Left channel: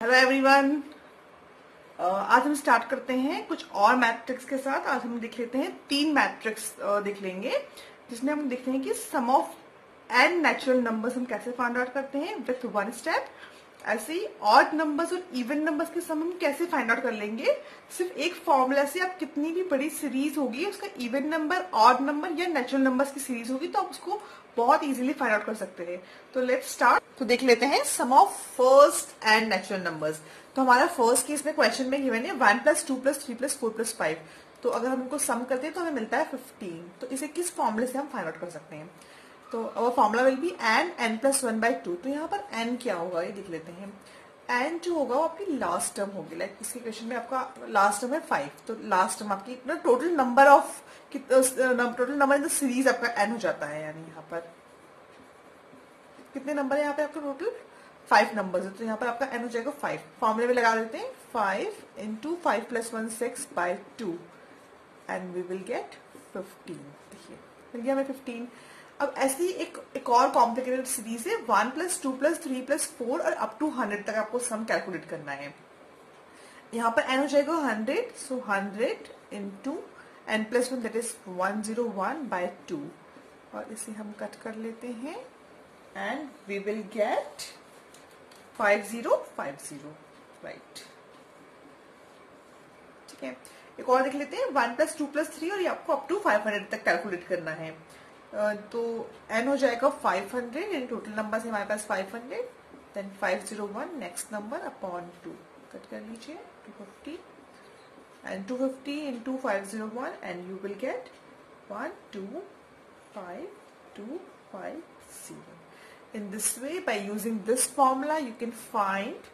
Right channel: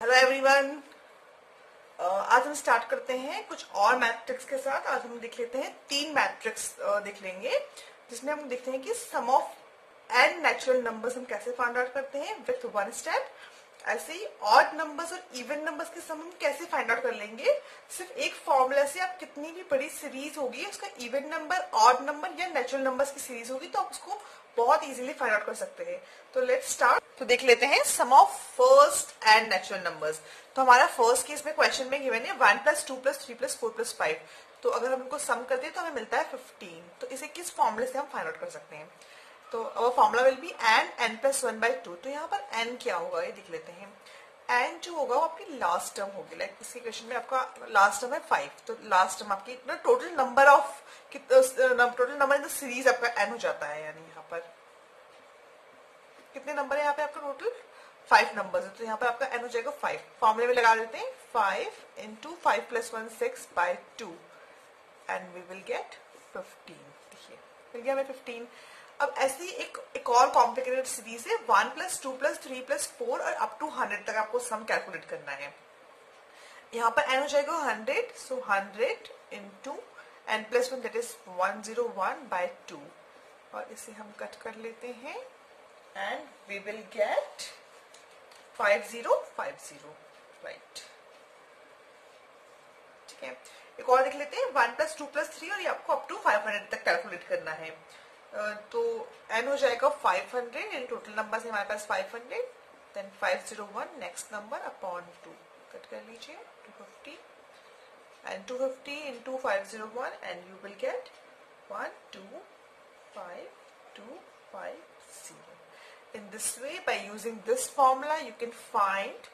Hello everyone. आज हम start करते हैं कुछ और मैट्रिक्स के साथ। आज हम देख लेते हैं 3 मैट्रिक्स देख लेंगे, जिसमें हम देखते हैं कि सम ऑफ एंड नेचुरल नंबर्स हम कैसे फाइंड आउट करते हैं विथ वन स्टेप। ऐसे ही ऑड नंबर्स और इवन नंबर्स के सम हम कैसे फाइंड आउट कर लेंगे। सिर्फ एक फॉर्मूला से आप कितनी भी बड़ी सीरीज होगी, उसका इवन नंबर, ऑड नंबर या नेचुरल नंबर्स की सीरीज होगी, तो आप उसको बहुत इजीली फाइंड आउट कर सकते हैं। तो लेट्स स्टार्ट। तो देख लेते हैं sum of first and natural numbers. तो हमारा फर्स्ट केस में क्वेश्चन में गिवन है 1 + 2 + 3 + 4 + 5। तो अगर हम उनको सम करते हैं तो हमें मिलता है 15। तो इसे किस फॉर्मूले से हम फाइंड आउट कर सकते हैं। तो अवर फॉर्मूला विल बी n + 1/2। तो यहाँ पर n क्या होगा ये देख लेते हैं। n जो होगा वो आपकी लास्ट टर्म होगी। लाइक इसी क्वेश्चन में आपका लास्ट टर्म है 5। तो लास्ट टर्म आपकी total number of total number in the series आपका n हो जाता है। यानी यहाँ पर कितने नंबर है यहाँ पे आपका टोटल 5 नंबर है। तो यहाँ पर आपका n हो जाएगा 5। फॉर्मूले में लगा देते हैं 5 × 5 + 1 6/2 एंड वी विल गेट 15। देखिए मिल गया हमें 15। अब ऐसी एक और कॉम्प्लिकेटेड सीरीज है 1 + 2 + 3 + 4 और अप टू 100 तक आपको सम कैलकुलेट करना है। यहाँ पर n हो जाएगा 100। सो 100 × n + 1 दैट इज 101/2 और इसे हम कट कर लेते हैं and we will get 5050। Right, ठीक है। एक और देख लेते हैं 1 + 2 + 3 और ये आपको अप टू 500 तक कैलकुलेट करना है। तो n हो जाएगा 500 यानी टोटल नंबर हमारे पास 500 then 501 next number upon 2 cut कर लीजिए 250 and 250 × 501 and you will get 12550। In this way, by using this formula, you can find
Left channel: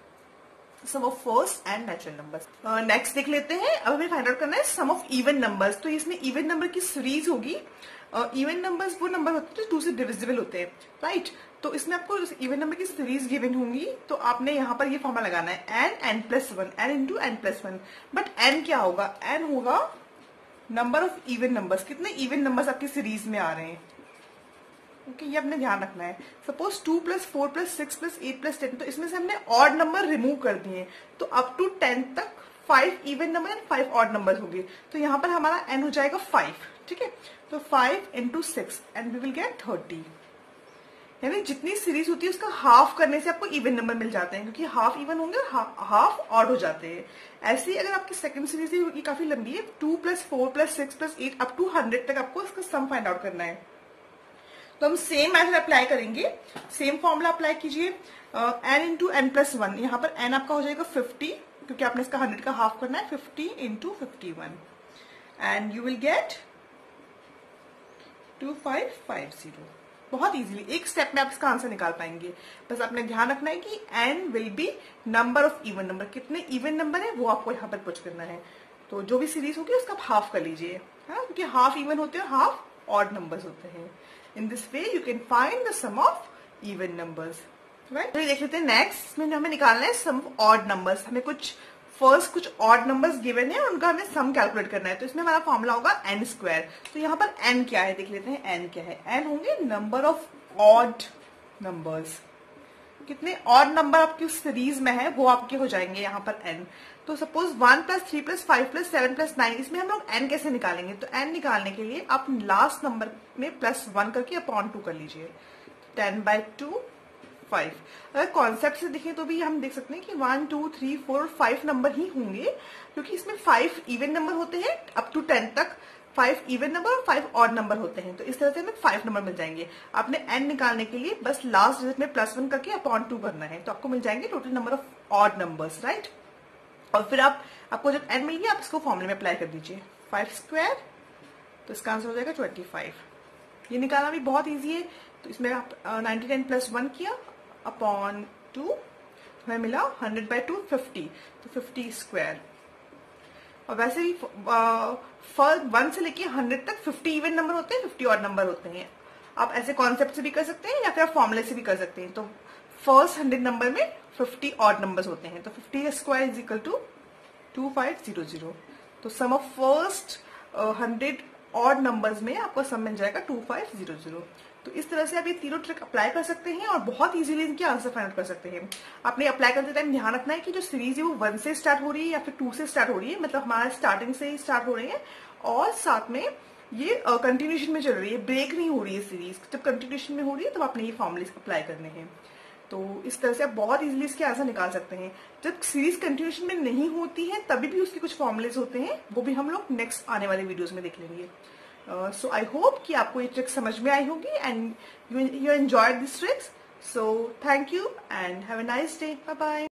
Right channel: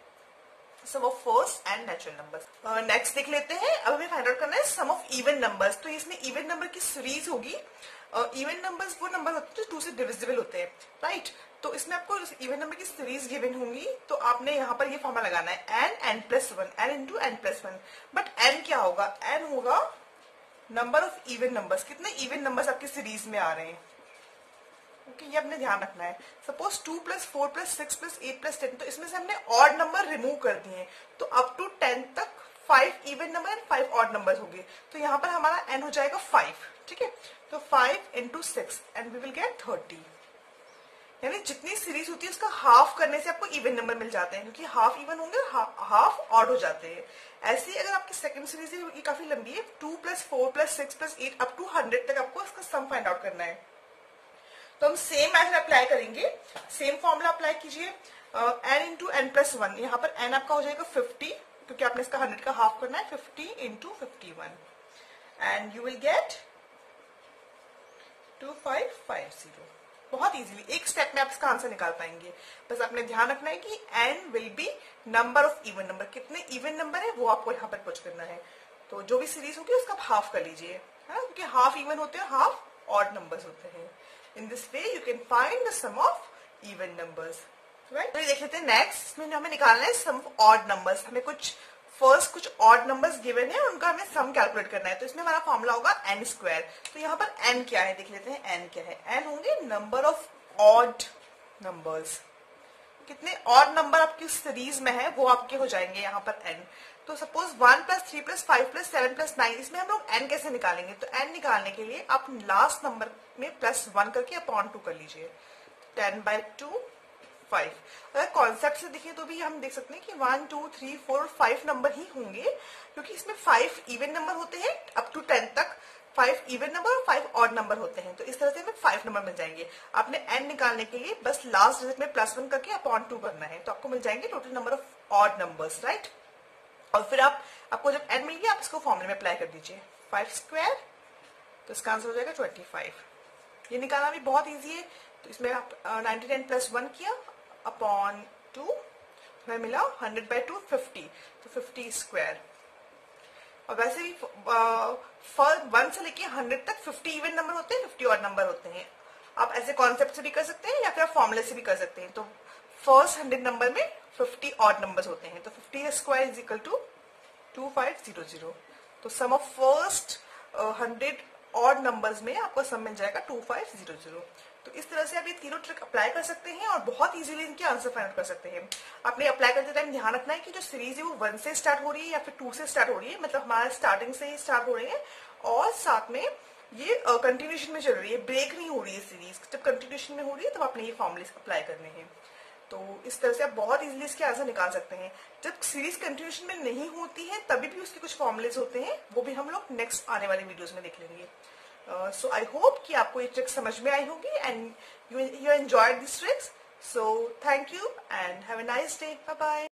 sum of first and natural numbers. Next देख लेते हैं। अब हमें फाइंड आउट करना है सम ऑफ इवन नंबर्स। तो इसमें इवन नंबर की सीरीज होगी। इवन नंबर्स वो नंबर होते हैं जो 2 से डिविजिबल होते हैं, राइट। तो इसमें आपको इवन नंबर की सीरीज गिवन होंगी। तो आपने यहाँ पर ये फॉर्मूला लगाना है n + 1 n × n + 1। But n क्या होगा, n होगा नंबर ऑफ इवन नंबर्स। कितने इवन नंबर्स आपकी सीरीज में आ रहे हैं, ओके, ये आपने ध्यान रखना है। सपोज 2 + 4 + 6 + 8 + 10, तो इसमें से हमने ऑड नंबर रिमूव कर दिए। तो अप टू 10 तक 5 even number and 5 odd number होंगे। तो यहाँ पर हमारा n हो जाएगा 5, ठीक है। तो 5 × 6 एंड वी विल गेट 30। यानी जितनी सीरीज होती है उसका हाफ करने से आपको इवन नंबर मिल जाते हैं, क्योंकि हाफ इवन होंगे हाफ ऑड हो जाते हैं। ऐसे ही अगर आपकी सेकंड सीरीज है ये काफी लंबी है 2 + 4 + 6 + 8 अप टू 100 तक आपको इसका सम फाइंड आउट करना है। तो हम सेम मेथड अप्लाई करेंगे। सेम फॉर्मूला अप्लाई कीजिए n × n + 1। यहाँ पर n आपका हो जाएगा 50, क्योंकि आपने इसका 100 का हाफ करना है। 50 × 51 एंड यू विल गेट 2550। बहुत इजीली एक स्टेप में आप इसका आंसर निकाल पाएंगे। बस आपने ध्यान रखना है कि n will be number of even number. कितने इवन नंबर है वो आपको यहाँ पर पुट करना है। तो जो भी सीरीज होगी उसका आप हाफ कर लीजिए, क्योंकि हाफ इवन होते हैं, हाफ ऑड नंबर्स होते हैं। In this way you can find the sum of even numbers, right? तो ये देख लेते हैं नेक्स्ट। इसमें हमें निकालना है सम ऑफ ऑड नंबर्स। हमें कुछ ऑड नंबर्स गिवन है, उनका हमें सम कैलकुलेट करना है। तो इसमें हमारा फॉर्मूला होगा n²। तो यहाँ पर n क्या है देख लेते हैं। n क्या है, n होंगे नंबर ऑफ ऑड नंबर्स। कितने ऑड नंबर आपकी सीरीज में है वो आपके हो जाएंगे यहाँ पर n। तो सपोज 1 + 3 + 5 + 7 + 9, इसमें हम लोग n कैसे निकालेंगे। तो n निकालने के लिए आप लास्ट नंबर में +1 करके अपॉन 2 कर लीजिए। 10/2 5। अगर कॉन्सेप्ट से देखें तो भी हम देख सकते हैं कि 1 2 3 4 5 नंबर ही होंगे, क्योंकि इसमें 5 इवन नंबर होते हैं अप टू 10 तक, 5 इवन नंबर और 5 ऑड नंबर होते हैं। तो इस तरह से हमें 5 नंबर मिल जाएंगे। आपने n निकालने के लिए बस लास्ट डिजिट में +1 करके अपॉन 2 करना है, तो आपको मिल जाएंगे total number of odd numbers, right. और फिर आपको जब n मिल गया आप इसको फॉर्मूले में अप्लाई कर दीजिए 5²। तो इसका आंसर हो जाएगा 25। ये निकालना भी बहुत इजी है। तो इसमें आप 99 + 1 किया अपॉन 2, हमें मिला 100/2 50। तो 50²। और वैसे ही 1 से लेके 100 तक 50 इवन नंबर होते हैं, 50 ऑड नंबर होते हैं। आप ऐसे कॉन्सेप्ट से भी कर सकते हैं या फिर आप फॉर्मूले से भी कर सकते हैं। तो फर्स्ट 100 नंबर में 50 ऑड नंबर्स होते हैं। तो 50² = 2500। तो सम ऑफ फर्स्ट 100 ऑड नंबर्स में आपको सम मिल जाएगा 2500। तो इस तरह से आप ये तीनों ट्रिक अप्लाई कर सकते हैं और बहुत इजीली इनके आंसर फाइंड आउट कर सकते हैं। आपने अप्लाई करते टाइम ध्यान रखना है कि जो सीरीज है वो 1 से स्टार्ट हो रही है या फिर 2 से स्टार्ट हो रही है, मतलब हमारा स्टार्टिंग से ही स्टार्ट हो रहे हैं और साथ में ये कंटिन्यूशन में चल रही है, ब्रेक नहीं हो रही है सीरीज। जब कंटिन्यूशन में हो रही है तब आपने ये फॉर्मूले अप्लाई करने हैं। तो इस तरह से आप बहुत इजीली इसके आंसर निकाल सकते हैं। जब सीरीज कंटिन्यूशन में नहीं होती है तभी भी उसके कुछ फॉर्मुलेज होते हैं, वो भी हम लोग नेक्स्ट आने वाले वीडियोस में देख लेंगे। सो आई होप कि आपको ये ट्रिक्स समझ में आई होगी and you enjoyed this tricks. So thank you and have a nice day. Bye bye.